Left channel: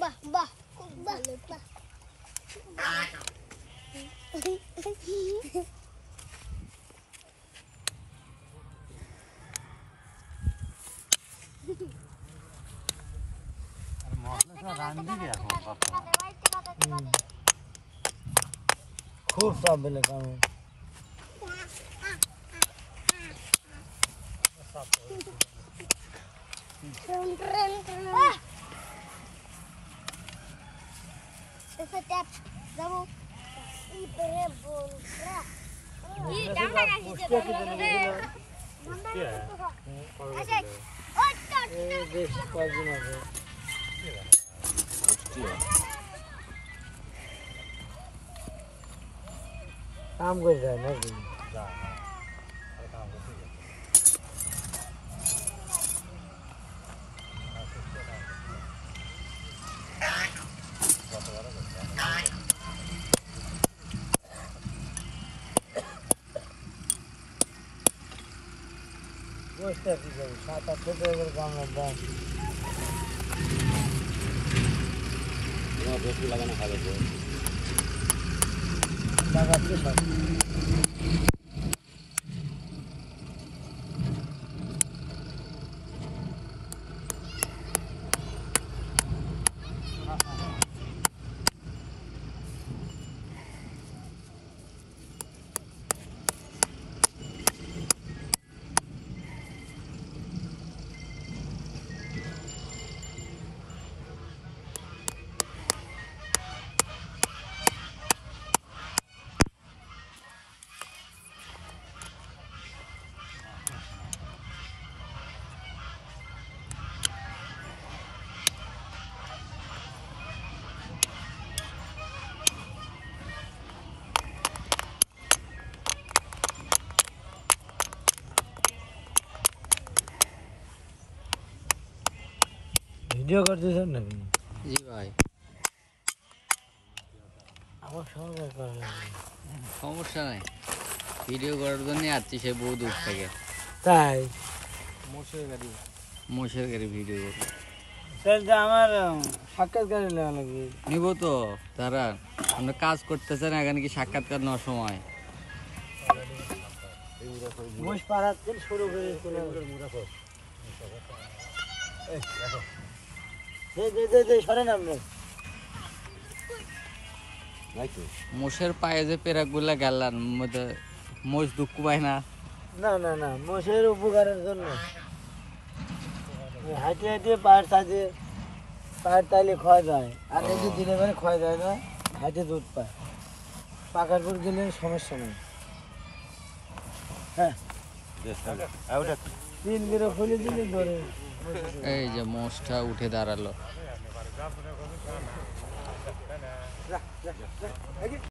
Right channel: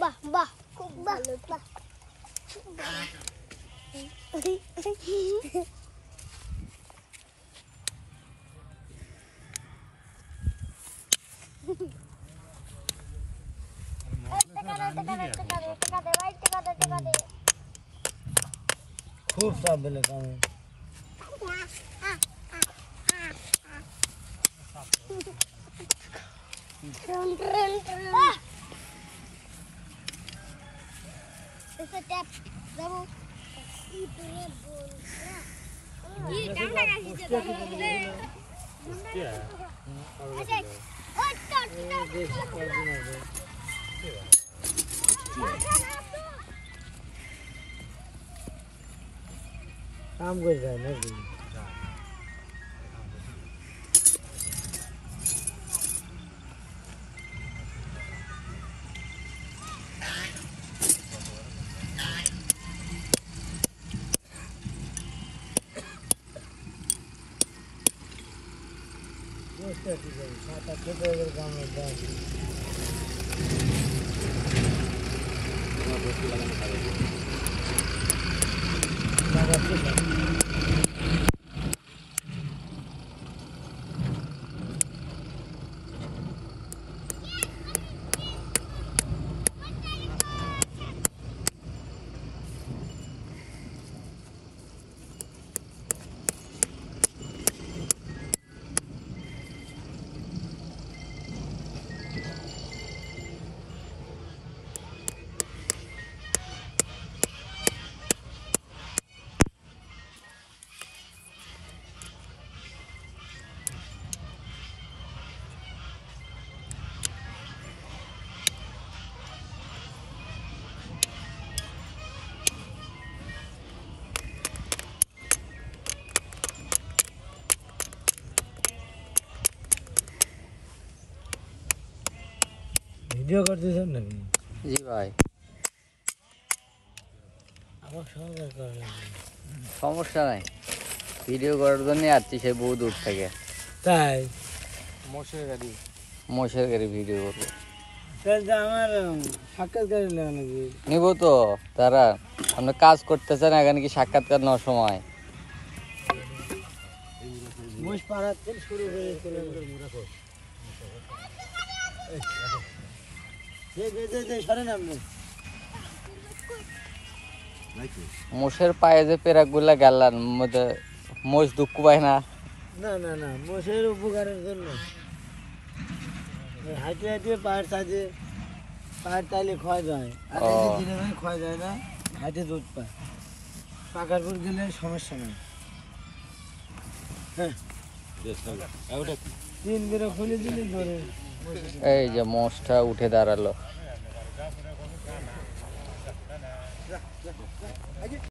বাহ বাহ খুব ভালো বাহ খুব সব বেলে কাম Ese tap, vamos. Y prebol. Y dama kasih dia. Hostia. দেশ কদিন আগে কাম করে যায় নাকি বসতে আছি 7-8 টাকা কাম দাম বেশি লাগানো খাবে লাগাচ্ছি ভিডিও করতেছেন নাকি জি ভাই আমার সঙ্গে করা লাগে সমস্যা নাই ভিডিও করার জন্য আসছি সে বহু দূর থেকে তাই মোষের গাড়ি ভিডিও করবো তাহলে আমার সাক্ষাৎকারী লাগা লাগবে নিব তো তারা আপনি কাজ করতেছেন এখানে কি সাক্ষাৎকার নেওয়ার সময় মোষ পাড়াতে শুরু করে সরেন আপনি মোষের পায়ে যে পেরাক গুলা গেলান মধ্যে মোষ দুঃখ পায় না না না না মোষের উপকারের জন্য হাঁটে হাঁটে পায়ের সাথে পায়ের তাইলে ক্ষয় যায় আর এই যে দিনে মানে ক্ষয় যায় না হাঁটে দুধ পায় পাকার পর গেলে সমস্যা নেই হ্যাঁ 3 বেরো খুলে দিলে ধরে এই যে মোষটা উঠে দাঁড়ালো